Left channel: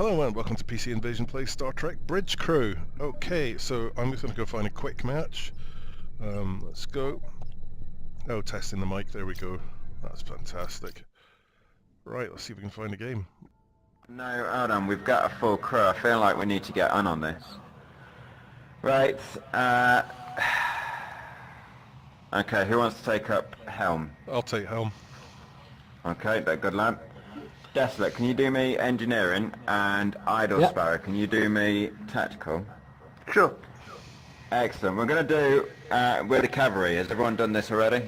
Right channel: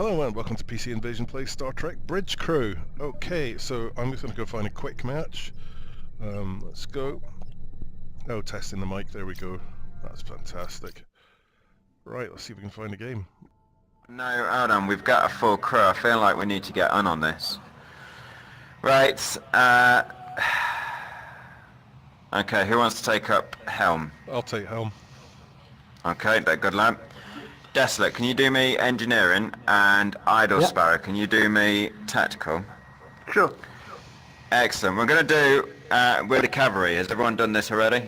Hello and welcome to PC Invasion Plays Star Trek Bridge Crew. Okay, so I'm just going to go find a quick match. Let's go. Oh, testing the mic, there we go. That's fantastic. Right, let's see if we can find a game. No, hold on, we've got a full crew. I feel like we need to get on this. Right, okay, who wants to take up helm? I'll take helm. Okay, good lad. Desolate, can you do me engineering? And Idle Sparrow, can you do me tactical? Sure. Excellent. We're going to do with the cavalry. Has everyone done this already?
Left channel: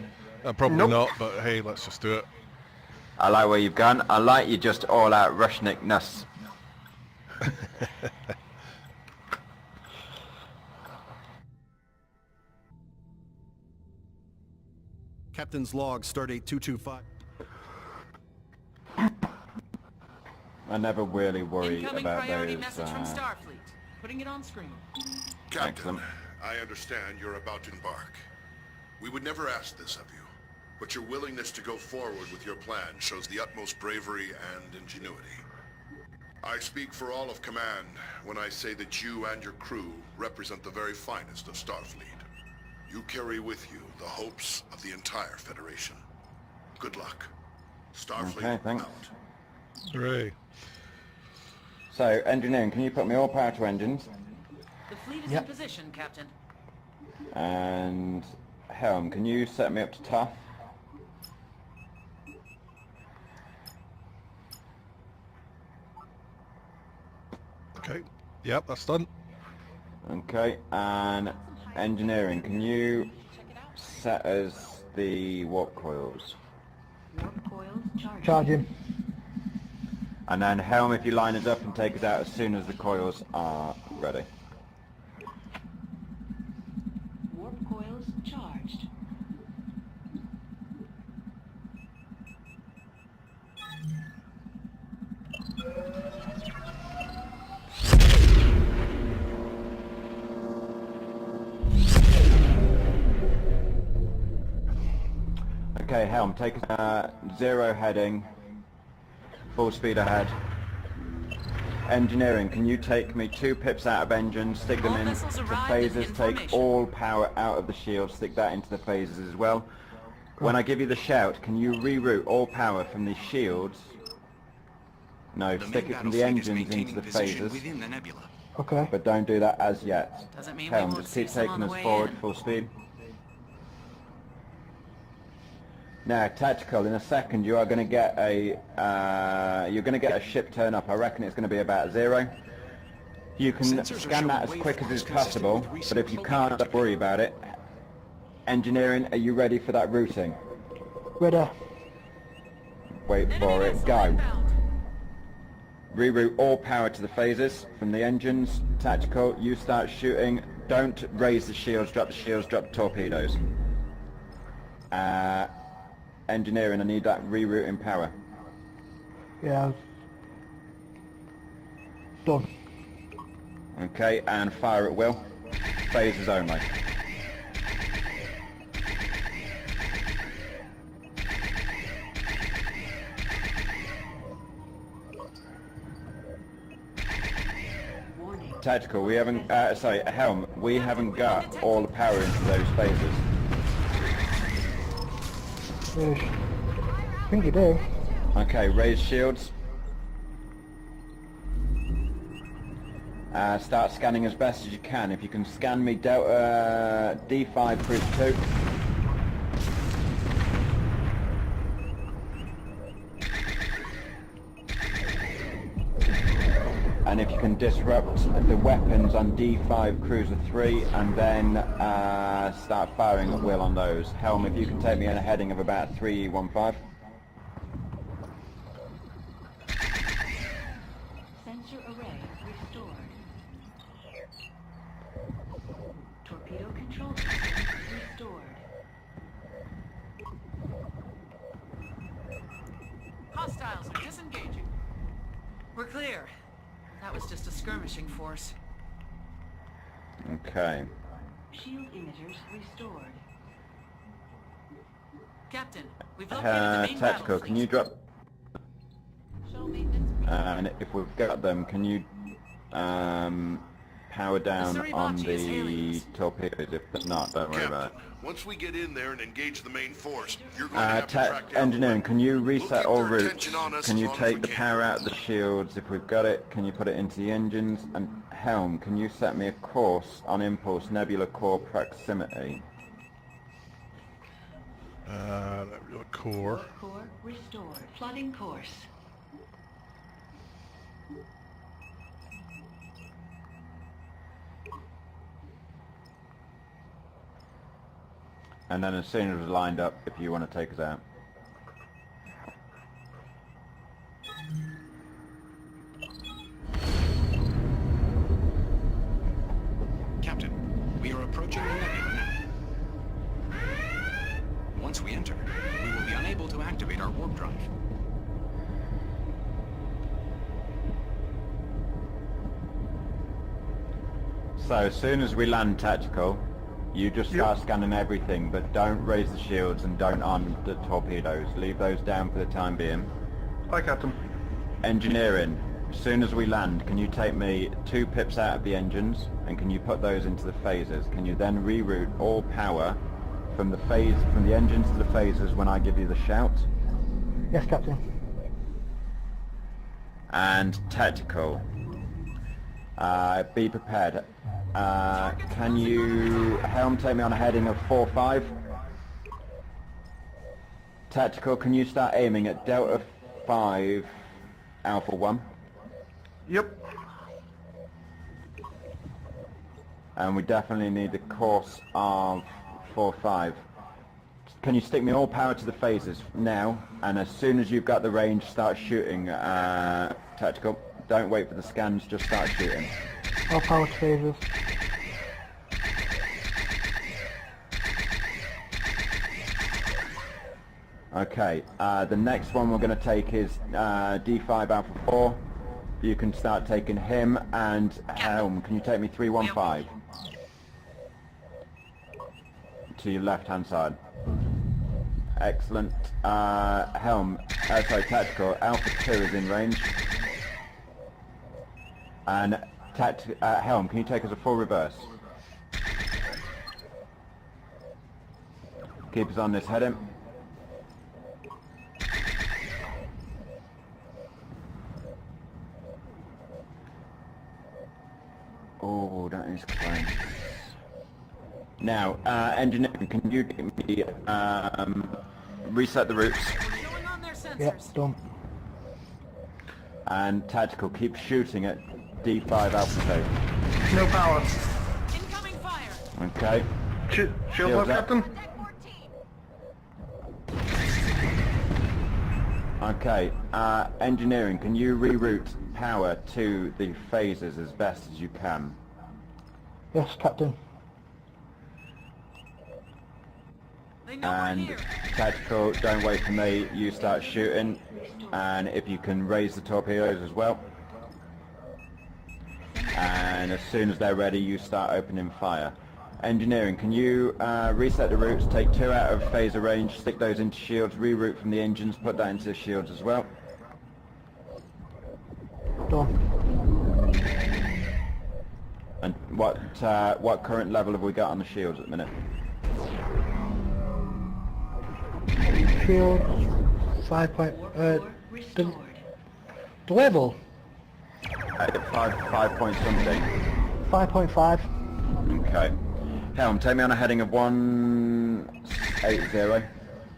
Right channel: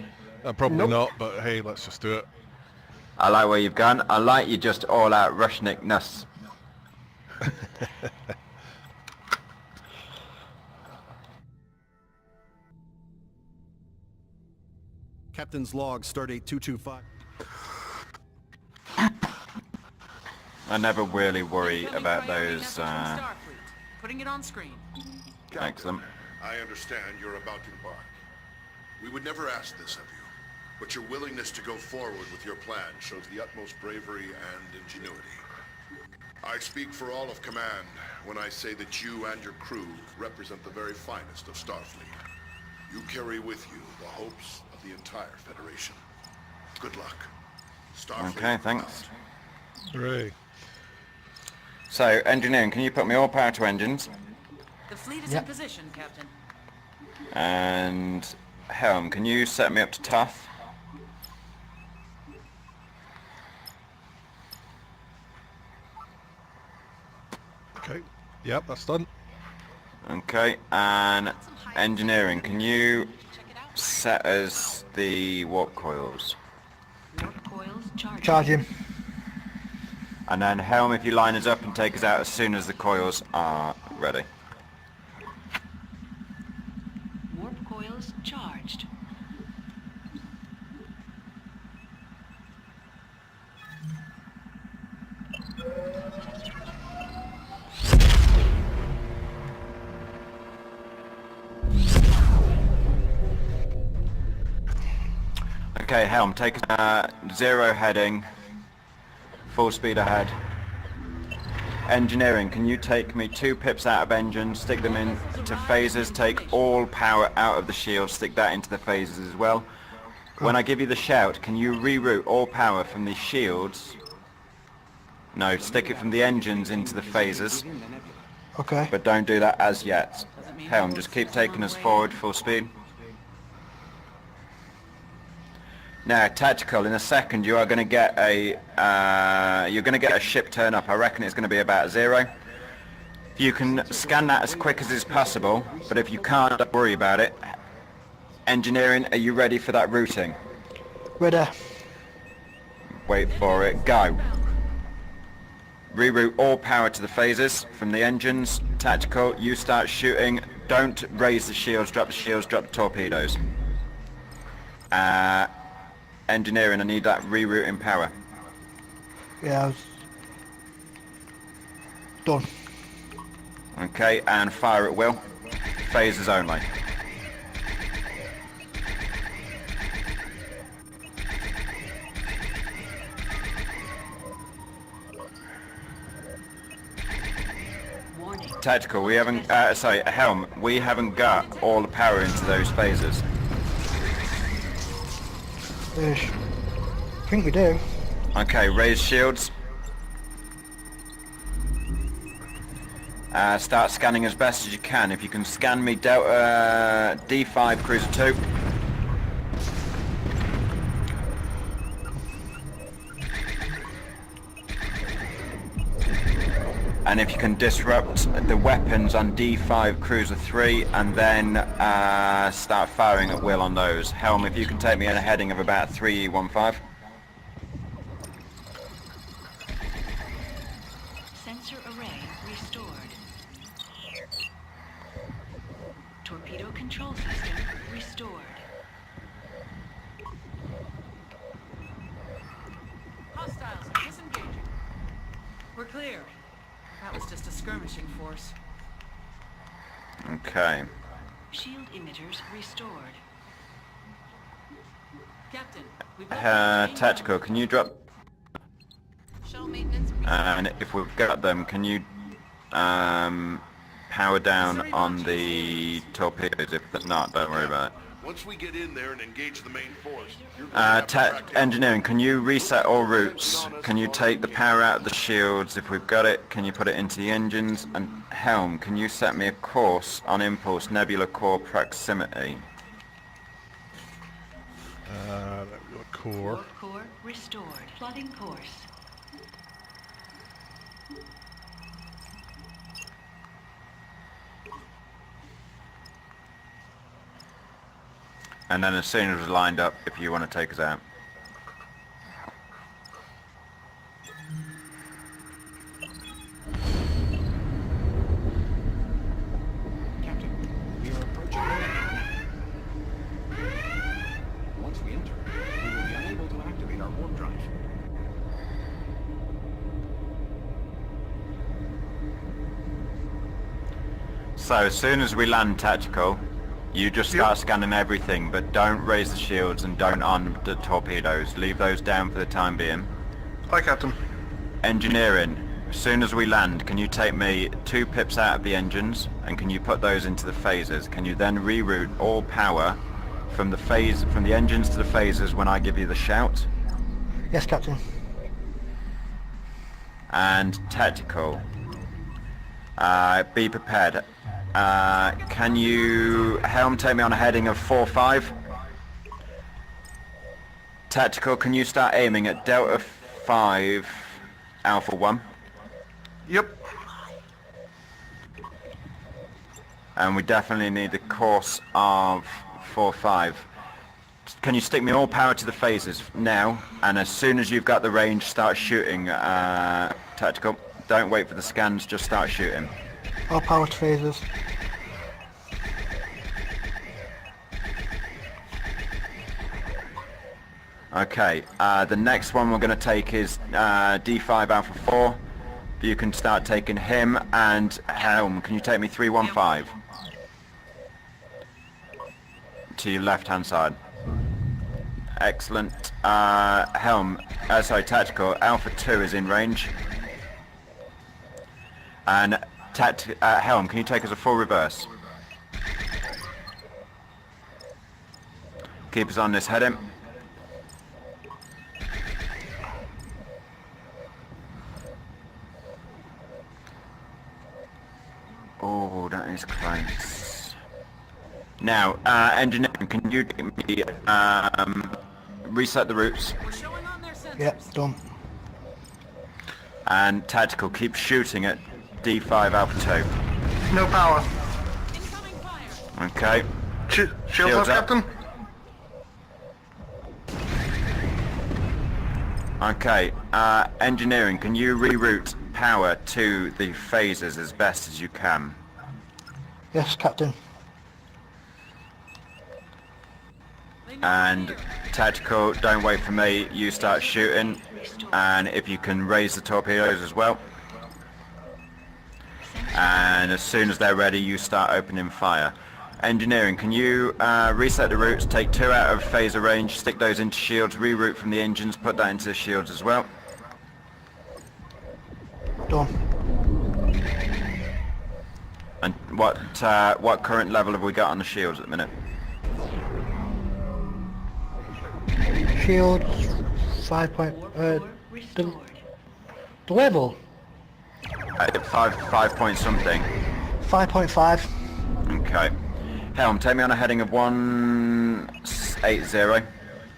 Probably not, but hey, let's just do it. I like where you've gone. I like you just all out Rushnick-ness. Captain's log, stardate 225. I never really worry about those. Putting it on screen. Captain, Excellent. I understand you're about to embark. We would never ask this of you, but your willingness to go forward with your plan shows the utmost bravery and ingenuity. I speak for all of command when I say that you and your crew represent the very finest of Starfleet. You carry with you the hopes of the entire Federation. Good luck. Starfleet. Okay, thanks. Out. Hooray. So, engineering, can you put me all power to engines? The fleet is in position, Captain. And helm, can you set me up to tough? Okay, yep, that's done. Okay, and engineering, can you set us the warp coils? Warp coils charged. Charging. And then helm, if you line us up and take us out as soon as the coils are ready. Warp coils charged. Okay, helm, take zero heading, full speed ahead. Engineering, can you take me 2 pips out of engine, stick them into phasers, take all power out of the shield, stick that into the phasers as well. When I give you the shout, can you reroute all power from the shields? No, stick it from the engines into the phasers. Okay. But don't do that as yet. Helm, just keep taking us forward, full speed. Now, tactical. In a second, you are going to get a ship turn up. I reckon it's going to be about 0. If you can scan that as quick as is possible, but if you can't, don't worry about it. Engineering, are you ready for that routing? Ready. Wait for it. Go. Reroute all power to the phasers from the engines. Tactical, you start shooting. Don't raise the shields, drop the torpedoes. Engineering, I need that rerouting power. Yeah, done. Okay, and fire at will. Phasers only. Tactical, we haven't, helm, we haven't got all the power into those phasers. Ish. I think we do. Okay, raise shields. Start scanning as best as you can. If you can scan me Delta D5 Cruiser 2. And if you can disrupt the weapons on D5 Cruiser 3 and then start firing at will on those. Helm, if you can take me in a heading of about 315. Sensor array restored. Torpedo control system restored. Hostiles are disengaging. We're clear. That was just a skirmishing force. Okay. Shield emitters restored. Captain, we've Tactical, can you drop And if we've got them, can you power down on the torpedoes? If not, don't worry about it. Once we get in there and engage the main force, you're going to have to track down Engineering, can you reset We'll all keep their routes? attention on us Can you as long as take we the can. power out of the shields? If we've got it, can you put it into the engines? And Helm, can you set me a course on Impulse Nebula Core Proximity? Nebula core. Core restored. Plotting course. And then as soon as it's lined up, if you want to take us out. Captain, we are approaching the nebula now. Once we enter, we will be unable to activate our warp drive. So as soon as we land tactical, you just start scanning everything, but don't raise the shields and don't arm the torpedoes. Leave those down for the time being. Hi, Captain. Engineering, as soon as we land, can you take me 2 pips out of the engines, and can you put those into the phasers? Can you then reroute all power from the engines to the phasers when I give you the shout? Yes, Captain. And tactical, be prepared. Can you helm take me on a heading of 4-5? Tactical, can you start aiming at Delta 5 Alpha 1? Yep. And we definitely need the course of 4-5. Can you stick me all power to the phasers now? And as soon as you've got the range, start shooting, tactical. Don't wait for the scans, just start shooting. All power to phasers. Okay, the next one we're going to take is D5 Alpha 4. You can start taking him, and Helm, can you take me 315? To your left-hand side. Excellent. Helm, sorry, Tactical, Alpha 2 is in range. And Helm, can you take us a full reverse? Keep us on this heading. Oh, that is close. Now, engineering, can you get me, reset the routes? We're showing on their sensors. Yep, done. And tactical, keep shooting at D5 Alpha No power. Incoming fire. 2. Okay. Shields up, Captain. Okay, engineering, can you reroute power to the phasers as best as you can? Yes, Captain. They know we're And here. tactical, don't wait for me, you start shooting. And if you can raise the torpedoes as well. And as soon as they're ready, you start opening fire. Engineering, can you reset the routes, take 2 out of phaser range, stick those into shields, reroute from the engines, put that into the shields as well. Done. And what current level have we got on the shields at the minute? Shields. 5 point. The level. 5 point something. 5.5. Okay. Helm, take me on a heading of 180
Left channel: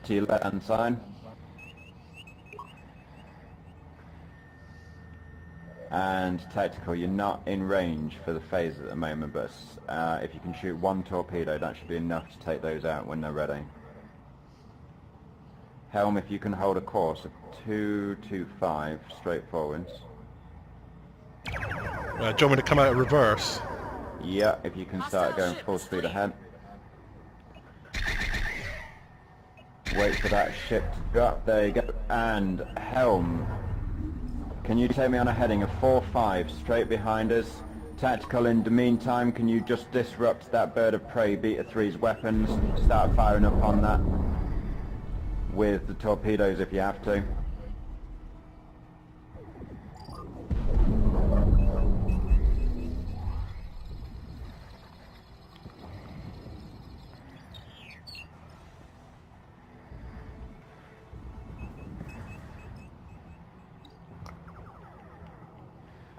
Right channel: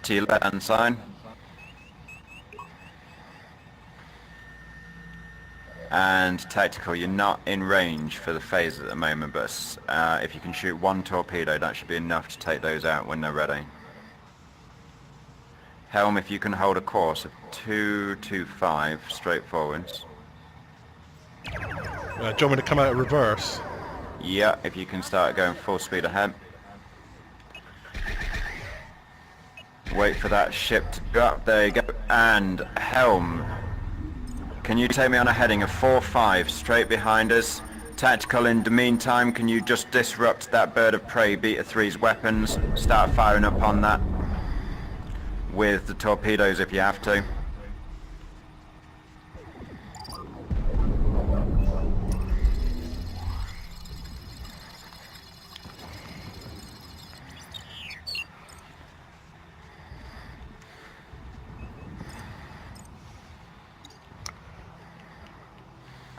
to your left-hand side. And tactical, you're not in range for the phase at the moment, but if you can shoot 1 torpedo, that should be enough to take those out when they're ready. Helm, if you can hold a course of 225 straight forwards. Do you want me to come out of reverse? Yeah, if you can start going full speed ahead. Wait for that ship to drop. There you go. And Helm, can you take me on a heading of 4-5 straight behind us? Tactical, in the meantime, can you just disrupt that bird of prey Beta 3's weapons? Start firing up on that with the torpedoes if you have to.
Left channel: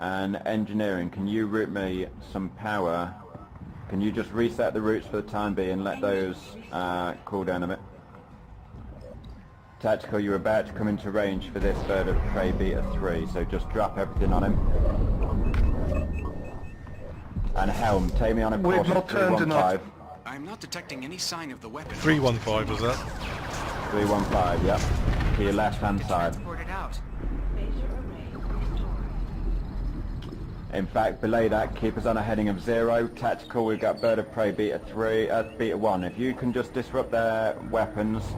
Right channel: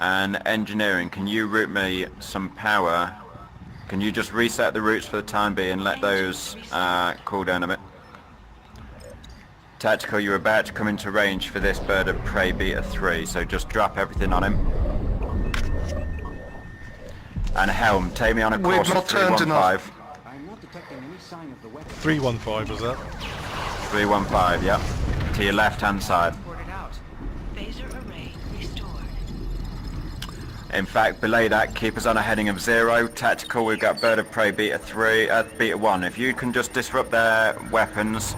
And engineering, can you route me some power? Can you just reset the routes for the time being and let those cool down a bit? Tactical, you're about to come into range for this bird of prey beta 3, so just drop everything on him. And Helm, take me on a We've course of not turned 315. enough. I'm not detecting any sign of the weapon. 315 was that? 315, yep. To your left-hand side. Ported out. Phaser array restored. In fact, below that, keep us on a heading of 0. Tactical, we've got bird of prey beta 3, beta 1. If you can just disrupt their weapons.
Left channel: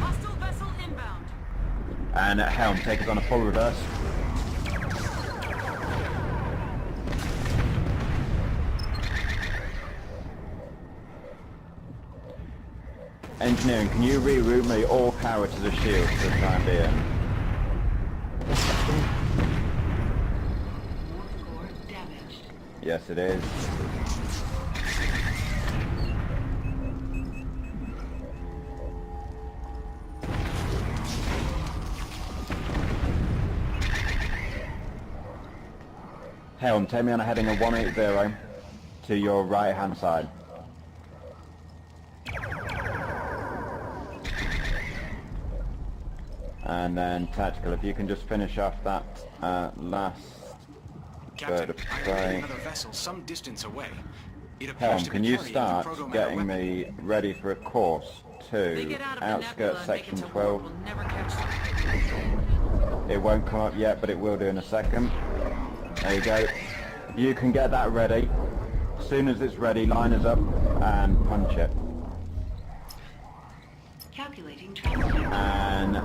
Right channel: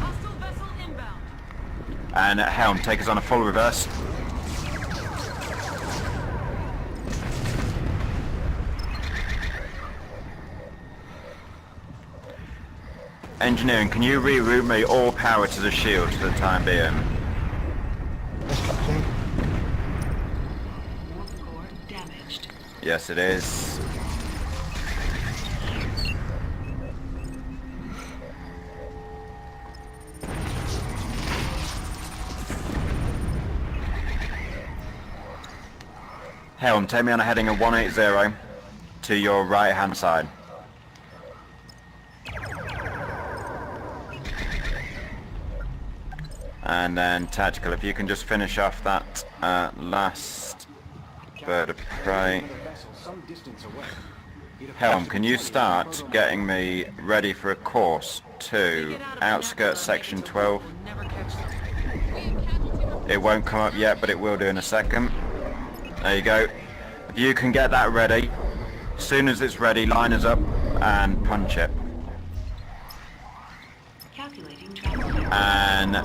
Hostile vessel inbound. And Helm, take us on a full reverse. Engineering, can you reroute me all power to the shield for the time being? Warp core damaged. Yes, it is. Helm, take me on a heading of 180 to your right-hand side. And then Tactical, if you can just finish off that last bird of prey. Another vessel some distance away. It appears Helm, to can be you carrying start proto-man getting me ready for a course They to get out of the outskirts nebula and make it section to 12? warp, we'll never catch them. It won't come up yet, but it will do in a second. There you go. If you can get that ready, as soon as it's ready, line us up and punch it. Calculating travel. And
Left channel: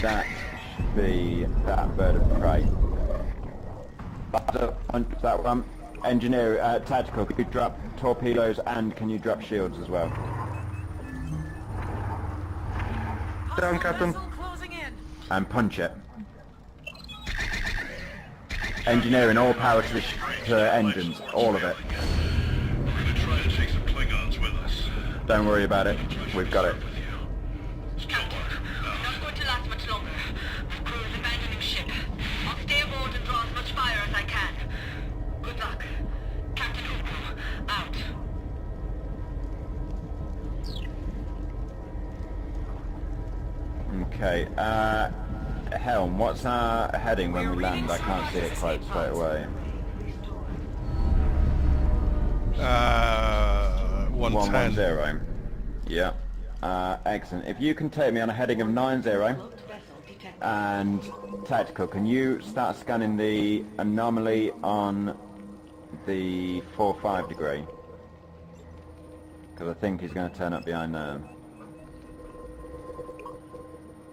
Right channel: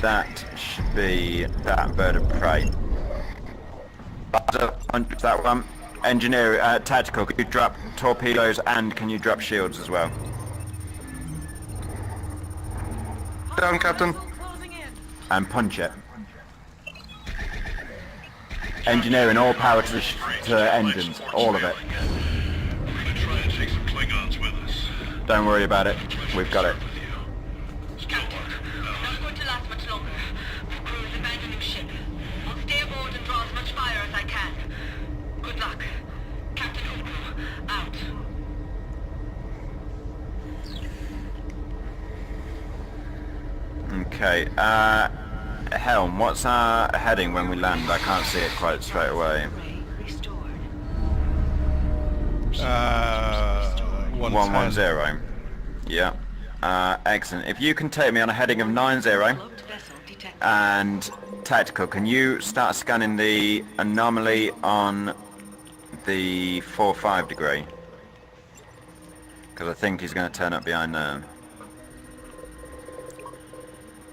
that should be that bird of prey. Punch that one. Engineer, Tactical, can you drop torpedoes and can you drop shields as well? Down, Hostile Captain. vessel closing in. And punch it. Engineering, all power to to engines, all of it. Don't worry about it, we've got it. Captain, not going to last much longer. The crew is abandoning ship. I'll stay aboard and draw as much fire as I can. Good luck. Captain Hooku, out. Okay, Helm, what's our heading when we land? I can't see it quite straight away. Restored. 110. 110. Yeah. Excellent. If you can take me on a heading of 90 Cloaked vessel detected. and Tactical, can you start scanning the anomaly on the 4-5 degree? Because I think he's going to turn up behind there.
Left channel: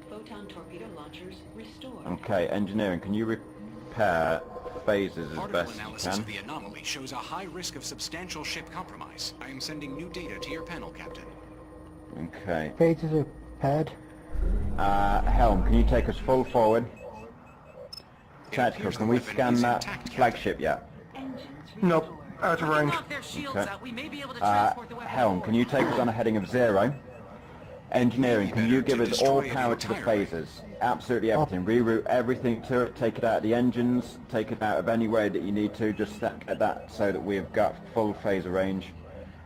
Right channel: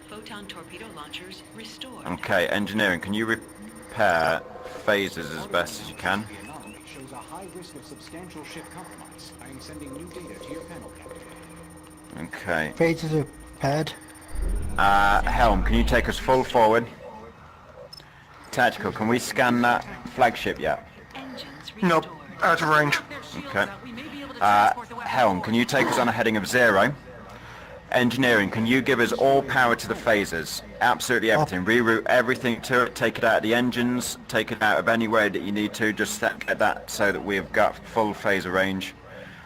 Photon torpedo launchers restored. Okay, engineering, can you repair phases as best as you Analysis can? of the anomaly shows a high risk of substantial ship compromise. I am sending new data to your panel, Captain. Okay. Phases are paired. Helm, can you take us full forward? Tactical, can we scan that flagship yet? Engines Nope, restored. out of range. Knock their shields Okay. out, we may be able to transport the weapon Helm, forward. can you take us on a heading of 0? Engineering, can you give us all power to the phasers? Absolutely everything. Reroute everything to it, take it out of the engines, take it out of any way that you need to, just get that so that we've got full phaser range.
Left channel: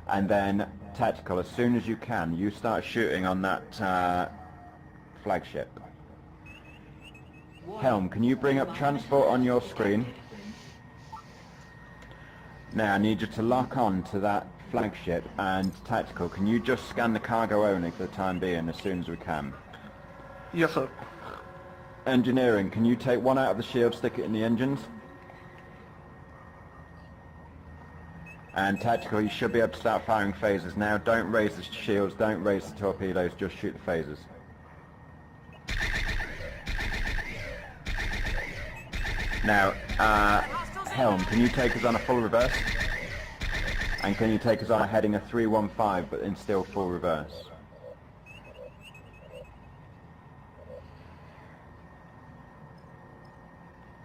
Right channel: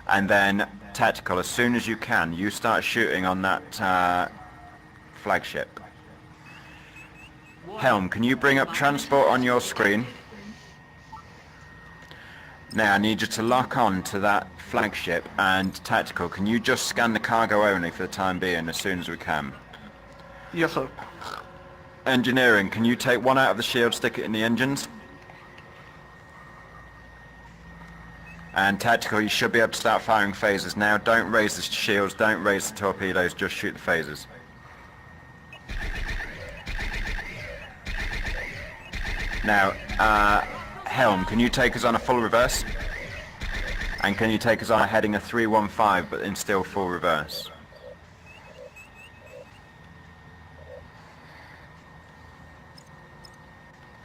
And then, Tactical, as soon as you can, you start shooting on that flagship. Helm, can you bring up transport on your screen? Now I need you to lock on to that flagship, and Tactical, can you just scan the cargo only for the time being as soon as we can? Yes, sir. Engineering, can you take one out of the shield, stick it in the engines? And Tactical, you should be able to start firing phasers now. Don't raise the shields, don't raise the torpedoes, just shoot the phasers. Now, Helm, can you take us on a full reverse? And can you take us on a heading of 315 but in still full reverse?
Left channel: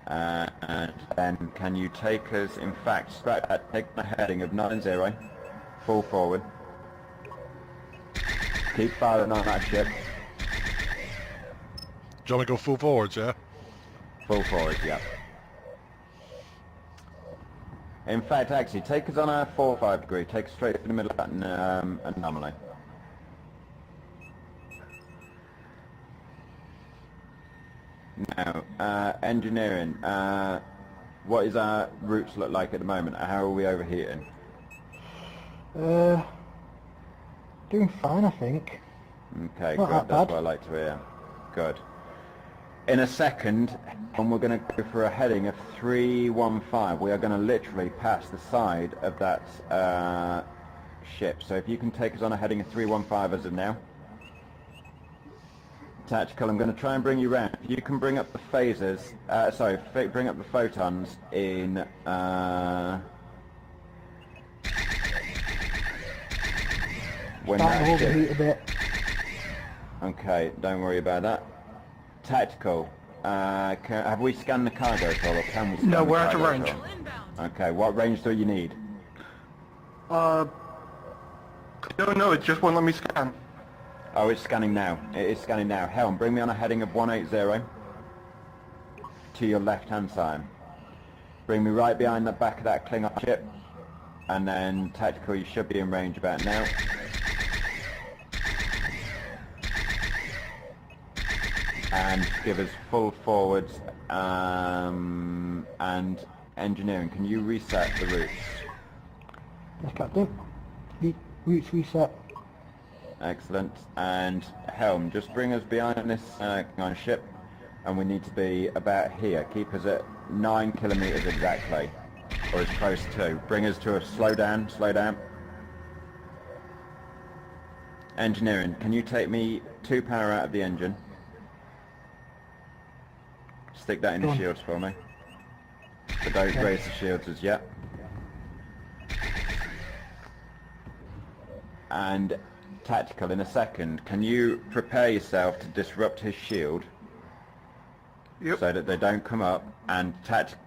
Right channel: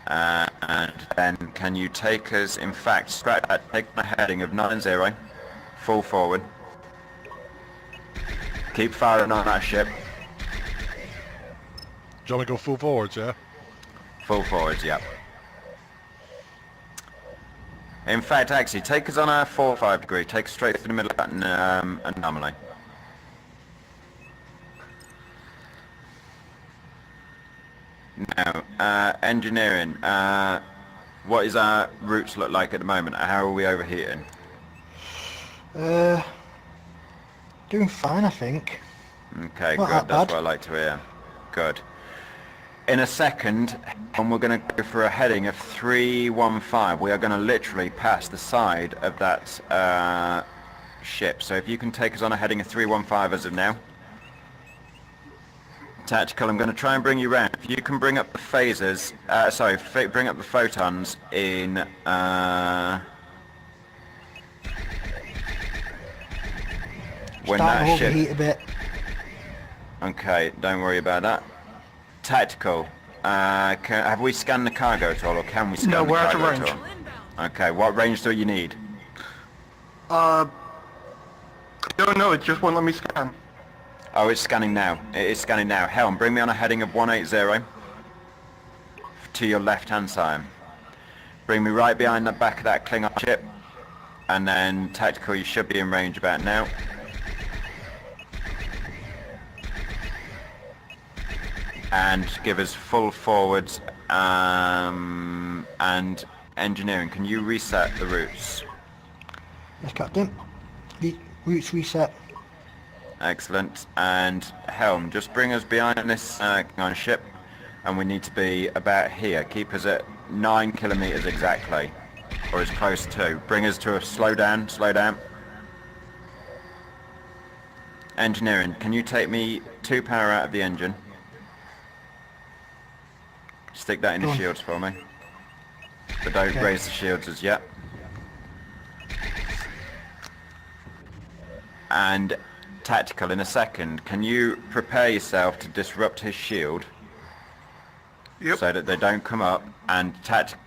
And then can you take us, in fact, take a heading of 90, full forward, keep firing on that ship. Do you want me to go full forwards, yeah? Full forwards, yep. In fact, actually, take us on our 4-5 degree. Take us straight to the middle of that anomaly. Now, engineering. What is our routes look like at the moment? How are we overheating? Doing fine, I think. Okay, Not good. that That's bad. what I like to hear. Good. In a second, and we're going to go for a heading of 315. We are going to literally pass the side of that ship. So if you can take us on a heading of 315 as of now. Tactical, I'm going to try and bring you round. If you can bring up the phasers, bring up the photons in, when Starting that to ship... overheat a bit. Okay, don't worry about that. Tactical, have we scanned the cargo at all, or can we scan No, the we're out of cargo at range. all? Inbound. Okay, what range do you need? I don't know, it just won't let me scan. Oh, it's scanning now. It is scanning now. Helm, bring me on a heading of 180 to your left-hand side. Bring me right behind the back of that Klingon ship. And then, Tactical, you should be in range about now. And give us full forwards, and engineering. Can you reset the routes? Yes, Captain. Routes reset. Excellent. And Helm, just bring us behind this on ship, and we need to be about here. Keep us at 9 kilometers exactly, or as close to. Bring us to a slow down. Engineering, can you take me 2 power out of the engine? Stick that in the Done. shields for me. But don't raise the shields as yet. And Tactical, in a second, can you prepare yourself to disrupt his shield? Yep. So that they don't come up? And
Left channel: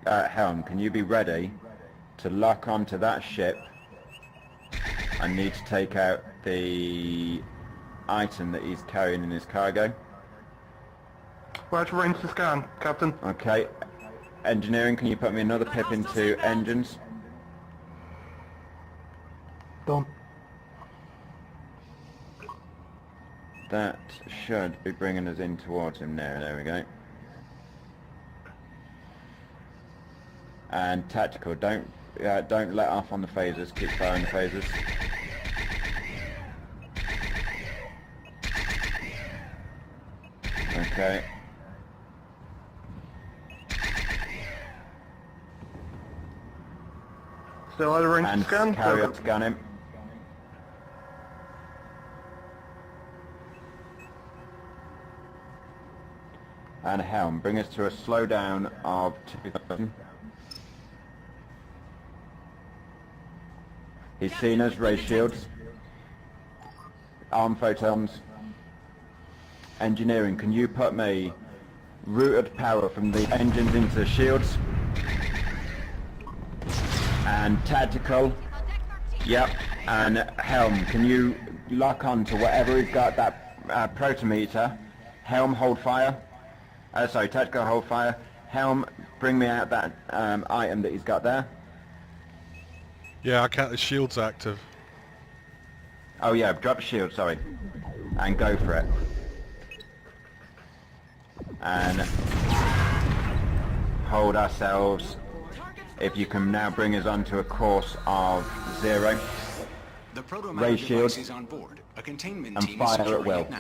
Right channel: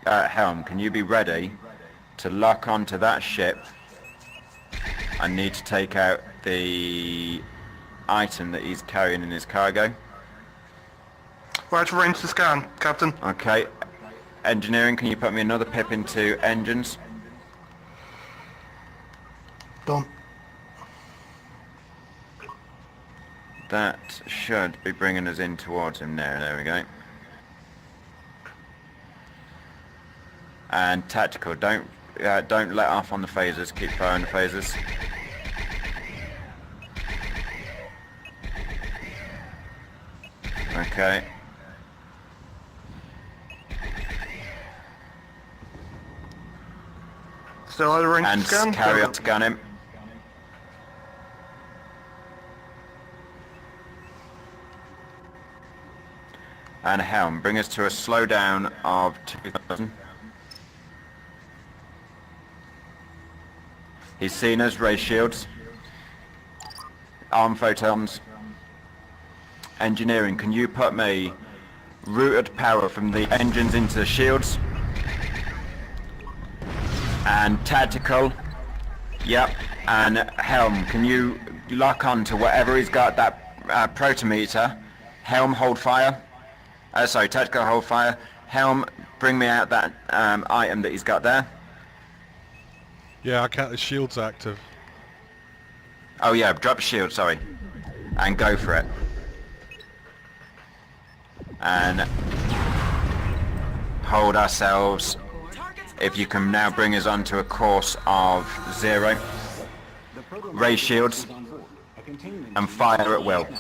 Helm, can you be ready to lock onto that ship? I need to take out the item that he's carrying in his cargo. We're out of range to scan, Captain. Okay. Engineering, can you put me another pip into engines? Done. That should be bringing us in towards him now. There we go. And Tactical, don't let off on the phasers. Keep firing the phasers. Okay. Still out of range And to scan? carry on scan him. And Helm, bring us to a slowdown of 2,000. He's seen us, raise shields. Arm photons. Engineering, can you put me routed power from the engines into the shields? And Tactical, yep. And Helm, can you lock on to whatever he's got, that protometer? Helm, hold fire. Tactical, hold fire. Helm, bring me out that item that he's got there. Yeah, I can't. The shield's active. Oh yeah, drop shield, sorry. And go for it. And hold ourselves. If you can now bring us onto a course of 0. The proto Raise shields. is on board. A containment And team fire is at will. now.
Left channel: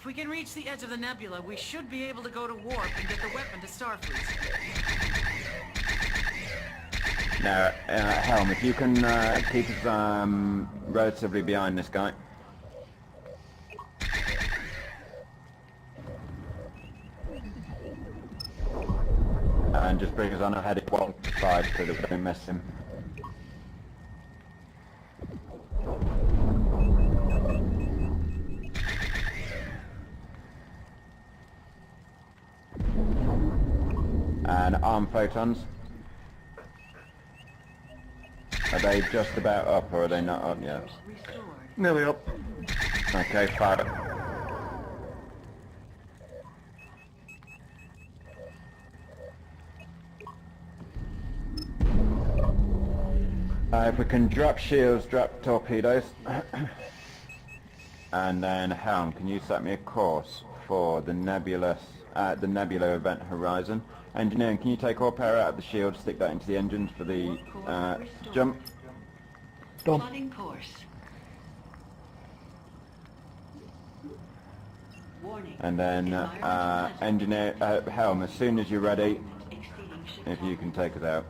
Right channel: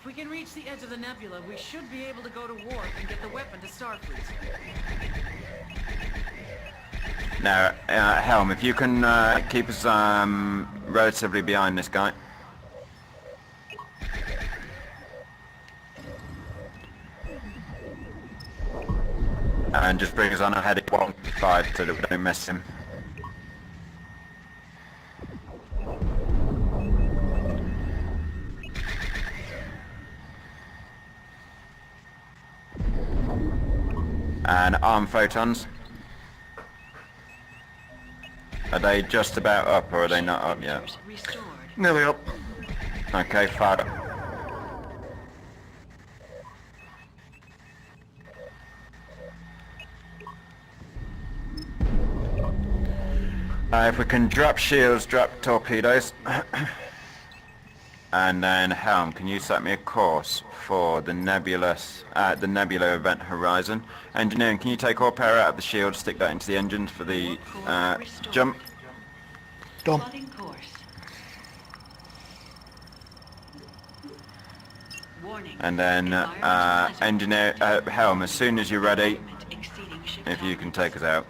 If we can reach the edge of the nebula, we should be able to go to warp and get the weapon to Starfleet. Now, Helm, if you can keep us relatively behind this guy. And just bring us on a heading 1-5 so that we don't miss him. And arm photons. Are they just about up or are they not up yet? Restored. Nearly up. Okay, fired up. If we can drop shields, drop torpedoes. And then Helm, can you set me a course for the nebula event horizon? Engineering, can you take all power out of the shield, stick that into the engines for the jump? Done. Plotting course. Warning. And then engineer Helm, as soon as you're ready, if you can take us out.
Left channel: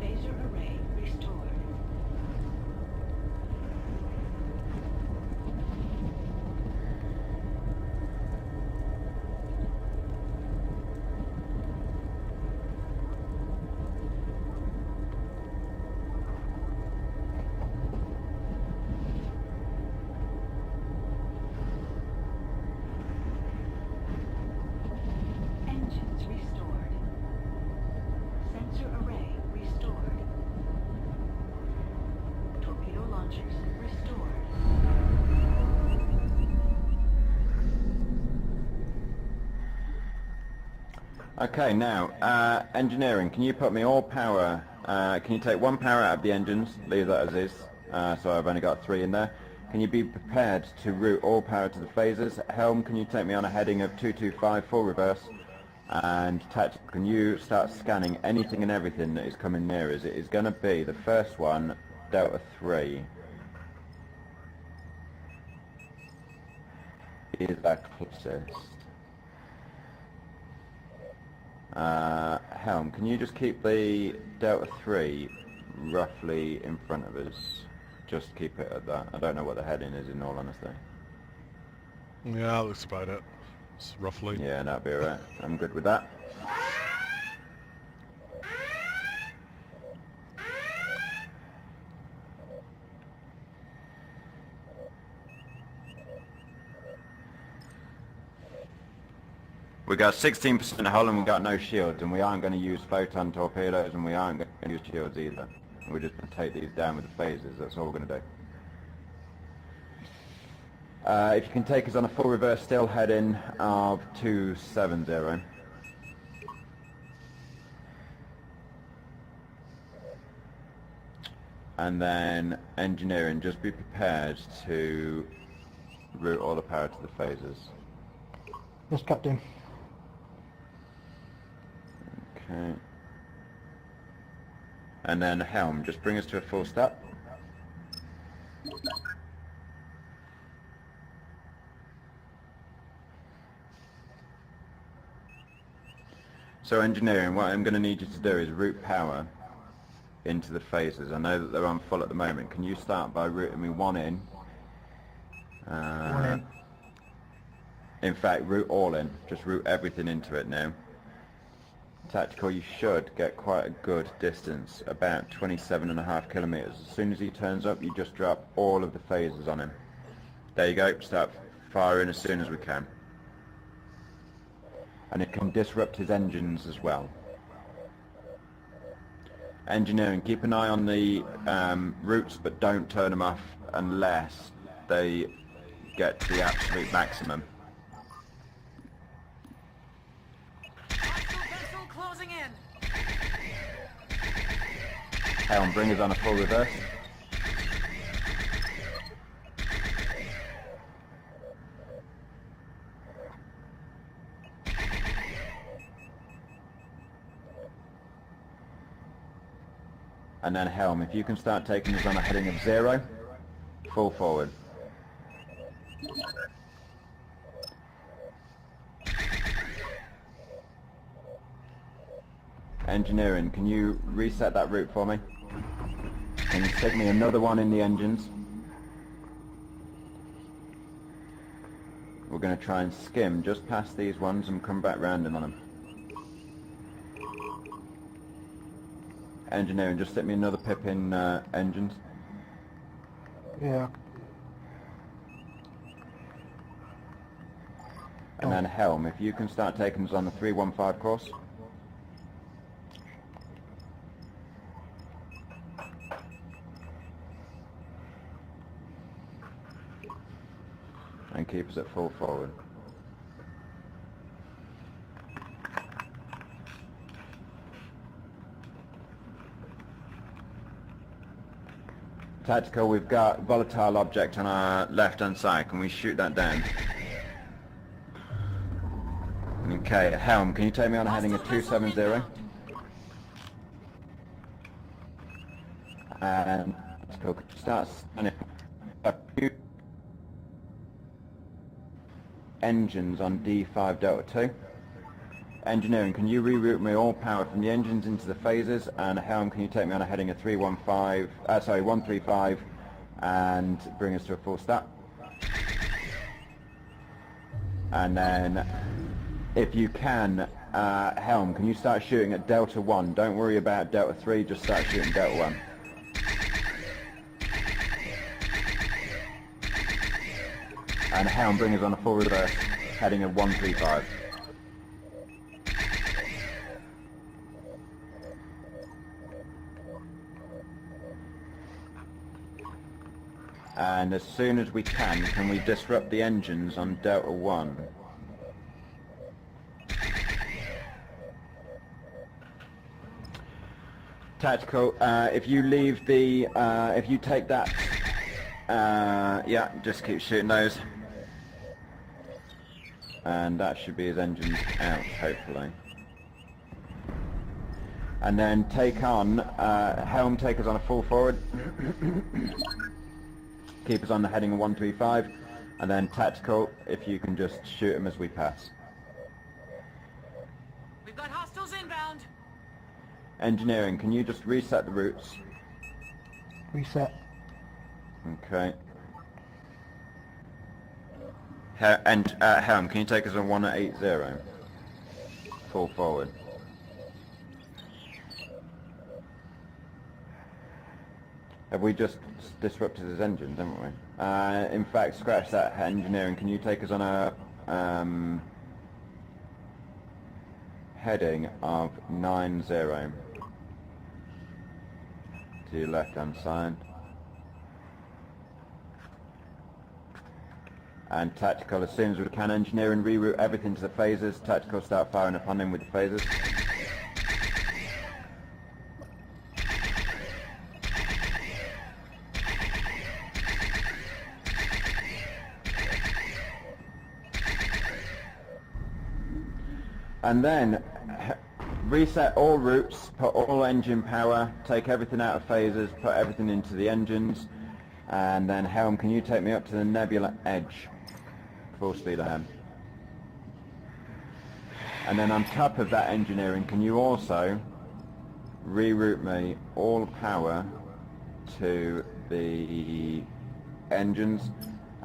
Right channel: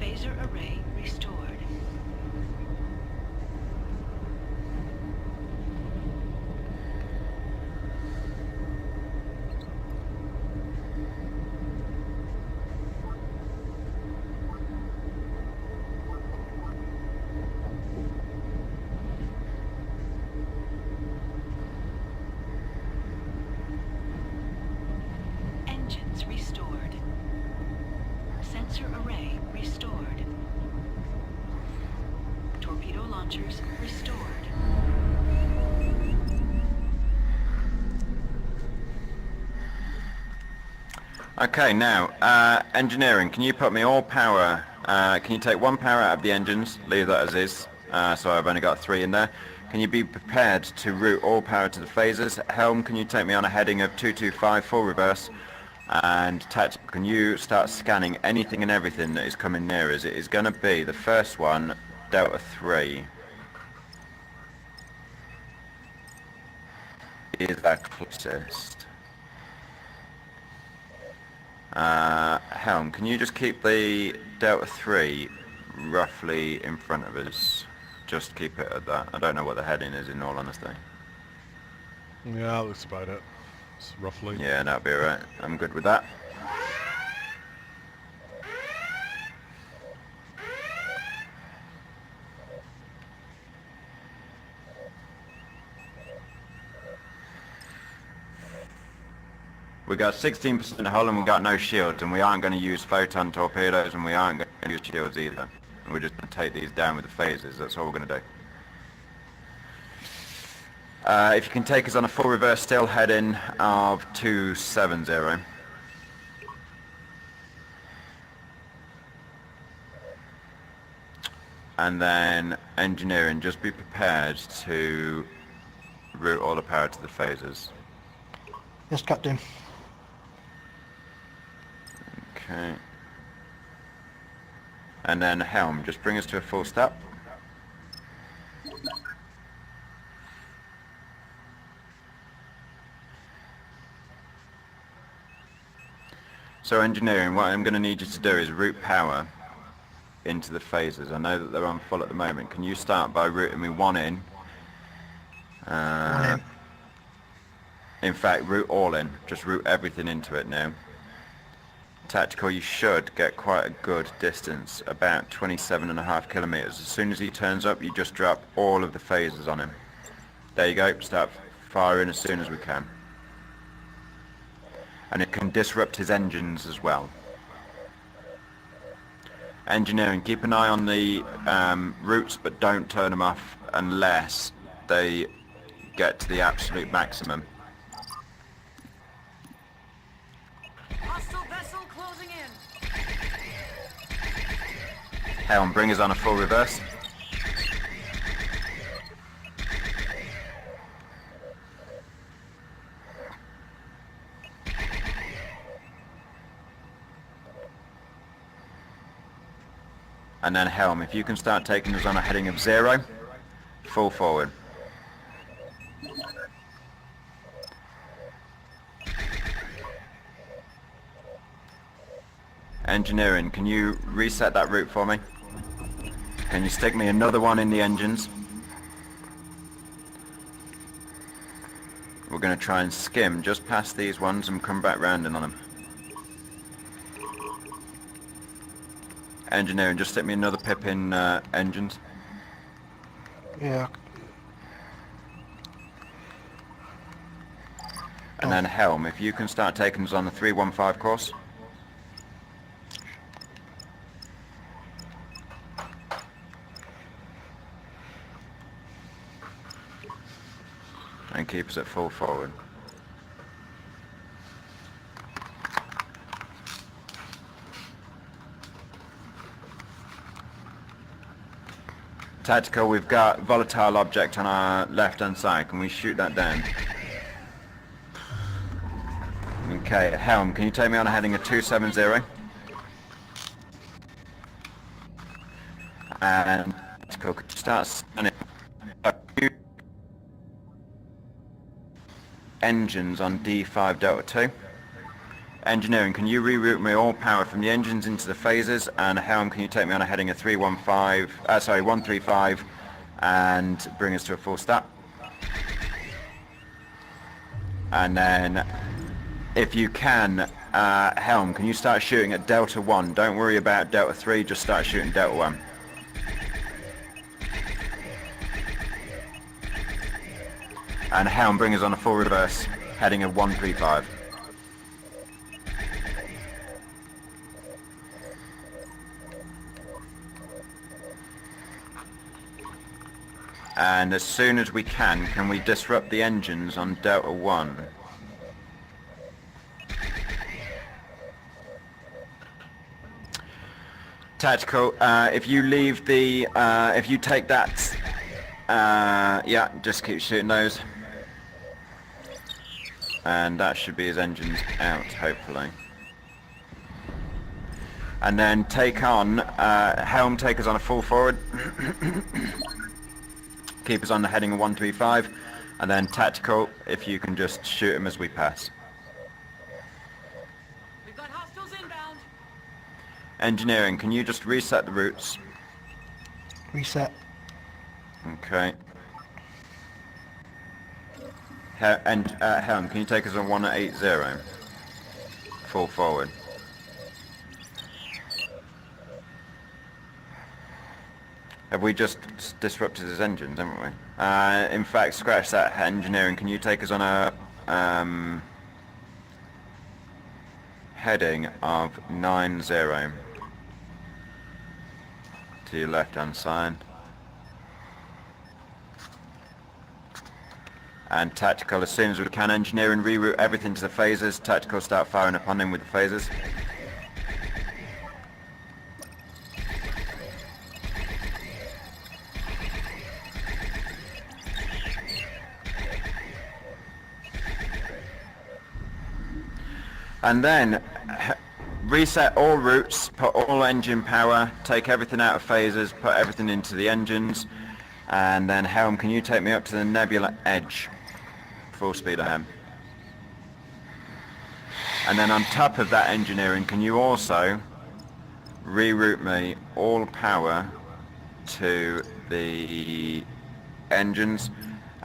Phaser array restored. Engines restored. Sensor array restored. Torpedo launchers restored. Okay, now, engineering, can you put me all power, can you take one power out of the engines, leave that as is, so I've only got 3 in there. Can you be prepared to route all power to the phasers? Helm, can you take me on a heading of 225 full reverse? And Tactical, can you start scanning anything and everything that is coming near us? It is going to be the first one, Delta 3. Is that closest? Helm, can you just keep the Delta 3 roughly in front of us? Just keep it at that. I don't know what the heading is, in all honesty. Yeah, that looks about it. It's roughly. Yeah, that'll be alright. I'm good with that. We got 16% hull and we got no shields, and we aren't going to use photon torpedoes, and we aren't going to use shields either. We're just going to take these down with the phasers. That's all we're going to do. If you can take us on a full reverse still heading of 270. And then engineering, just be prepared to route all the power to the phasers. Yes, Captain. Okay. And then Helm, just bring us to a full stop. So engineering, what I'm going to need you to do is route power into the phasers. I know that they're on full at the moment. Can you start by routing me one in? In fact, route all in. Just route everything into it now. Tactical, you should get quite a good distance, about 27.5 kilometers. As soon as he turns up, you just drop all of the phasers on him. There you go, start firing as soon as we can. And it can disrupt his engines as well. Engineering, keep an eye on the routes, but don't turn them off unless they get to the absolute maximum. Hostile vessel closing in. Helm, bring us on a full reverse. And then Helm, if you can start taking us on a heading of 0, full forward. Engineering, can you reset that route for me? Can you stick me another one in the engines? We're going to try and skim just past these ones and come back round in on them. Engineering, just stick me another pip in engines. Yeah. And then helm, if you can start taking us on the 315 course. And keep us at full forward. Tactical, we've got volatile object on our left-hand side. Can we shoot that down? Okay, helm, can you take me on a heading of 270? And tactical, could you start scanning engines on D5 Delta 2? Engineering, can you reroute me all power from the engines into the phases? And helm, can you take me on a heading of 135 and bring us to a full stop? And then, if you can, helm, can you start shooting at Delta 1? Don't worry about Delta 3, just start shooting Delta 1. And helm, bring us on a full reverse, heading of 135. And as soon as we can we disrupt the engines on Delta 1? Tactical, if you leave the, if you take that, yeah, just keep shooting those. And that should be his engines out, hopefully. And then take on, helm, take us on a full forward. Keep us on the heading of 135. And then tactical, if you can just shoot him as we pass. We've got hostiles inbound. Engineering, can you just reset the routes? Reset. Okay. Helm, can you take us on 180? Full forward. Have we just disrupted his engines, haven't we? In fact, scratch that. Engineering, can you take us on a heading of 90 to your left-hand side? And tactical, as soon as we can, engineering, reroute everything to the phasers. Tactical, start firing upon him with the phasers. And then reset all routes, put all engine power, take everything out of phasers, put everything into the engines, and then helm, can you take me up to the nebula edge? Full speed ahead. And then on top of that engineering, can you also reroute me all power to the engines?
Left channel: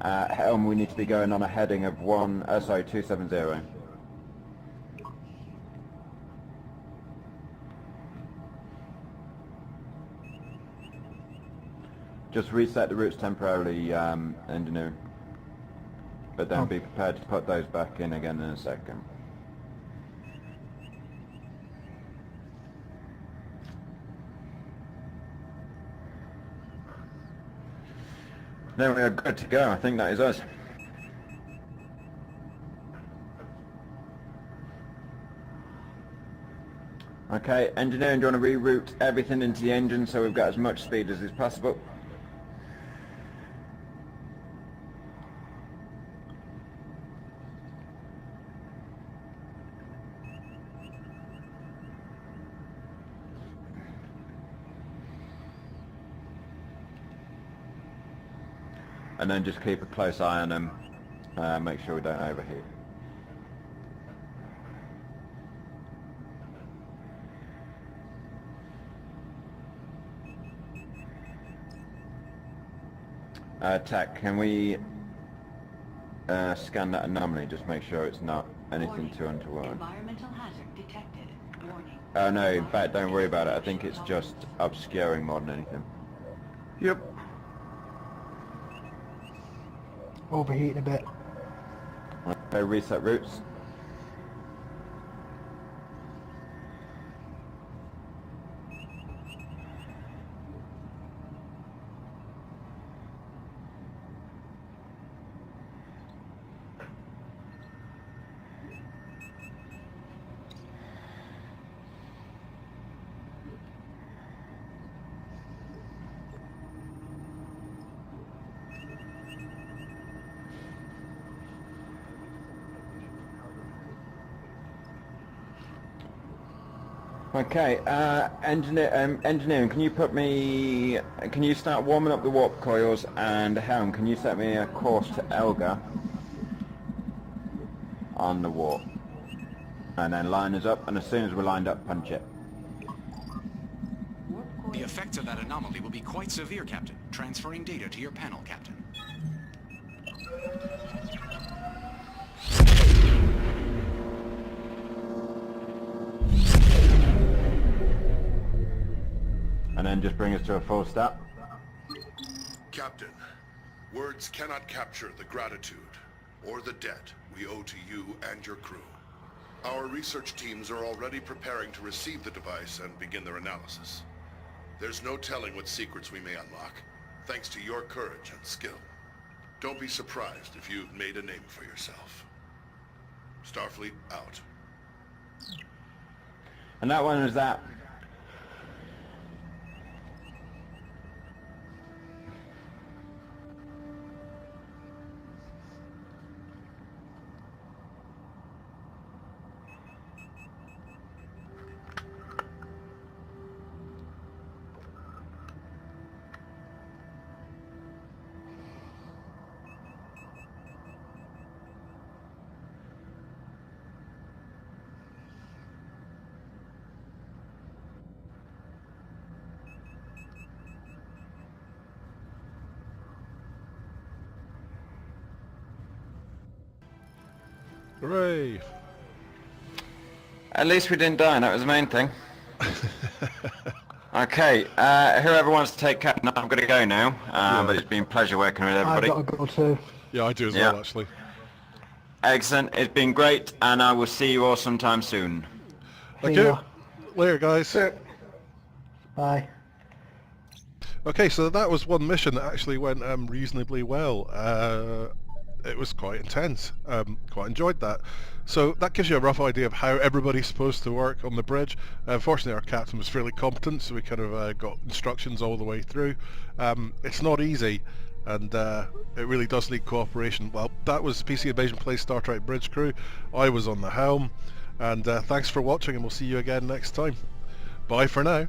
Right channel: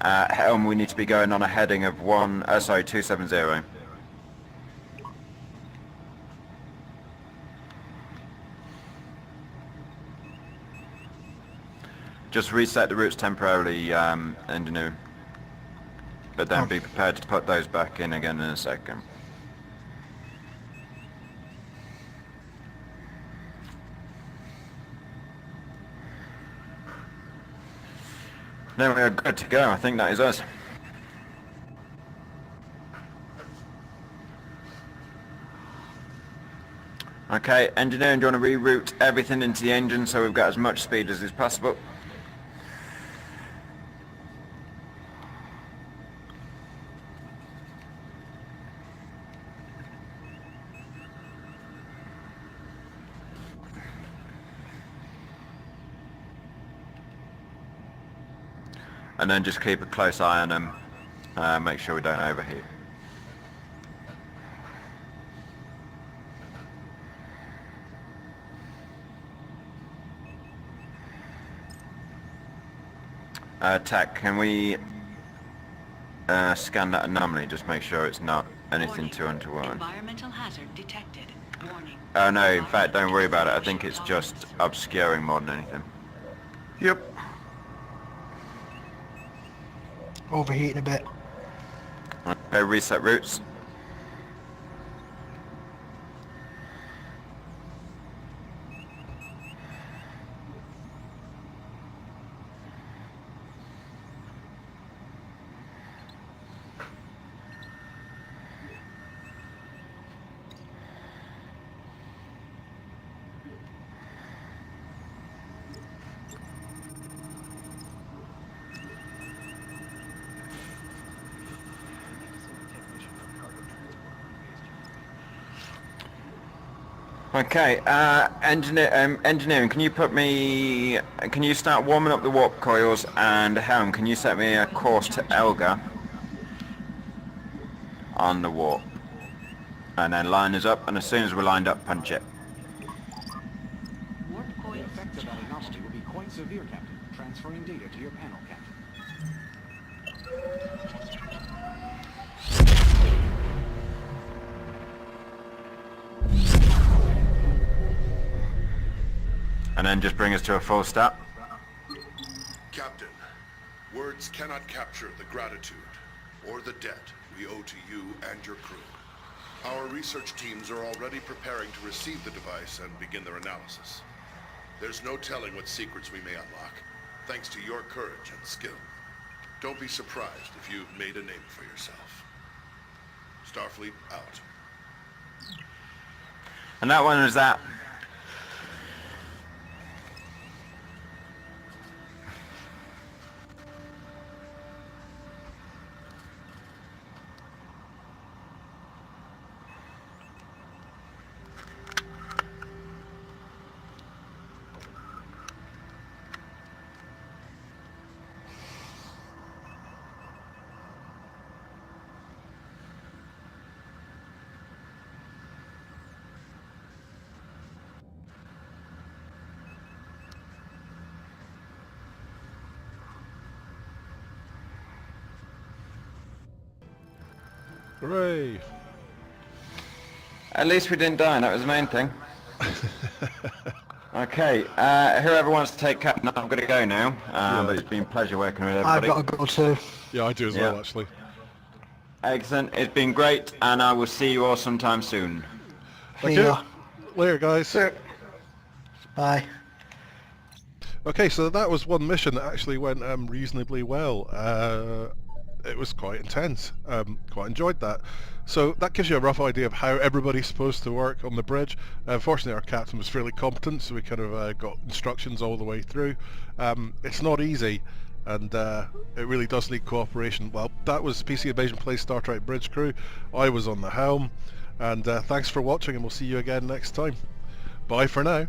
Helm, we need to be going on a heading of 270. Just reset the routes temporarily, engineer. But then be prepared to put those back in again in a second. Now we are good to go. I think that is us. Okay, engineering, do you want to reroute everything into the engine so we've got as much speed as is possible? And then just keep a close eye on them, make sure we don't overheat. Tac, can we scan that anomaly, just make sure it's not anything too untoward. Environmental hazard detected. Warning. Oh no, in fact, don't worry about it. I think it's just obscuring more than anything. Yep. Overheating a bit. Go reset routes. Okay, engineering, can you start warming up the warp coils, and helm, can you set me a course to Elga on the warp? And then line us up, and as soon as we're lined up, punch it. The effects of that anomaly will be quite severe, Captain. Transferring data to your panel, Captain. And then just bring us to a full stop. Captain, words cannot capture the gratitude or the debt we owe to you and your crew. Our research teams are already preparing to receive the device and begin their analysis. There's no telling what secrets we may unlock, thanks to your courage and skill. Don't be surprised if you've made a name for yourself. Starfleet out. And that one was that. Hooray! At least we didn't die, and that was the main thing. Okay, whoever wants to take Captain, I'm going to go now. But it's been a pleasure working with I've everybody. got to go too. Yeah, I do as well, actually. Excellent, it's been great, and I will see you all sometime soon. Thank See you. ya. Later, guys. Bye. Okay, so that was one mission that actually went reasonably well. It was quite intense. Quite enjoyed that. So that gives you a rough idea of how everybody's supposed to work on the bridge. Fortunately, our captain was fairly competent, so we kind of got instructions all the way through. It's not easy, and it really does need cooperation. Well, that was PC Invasion Plays Star Trek Bridge Crew. I was on the helm, and thanks for watching, and we'll see you again next time. Bye for now.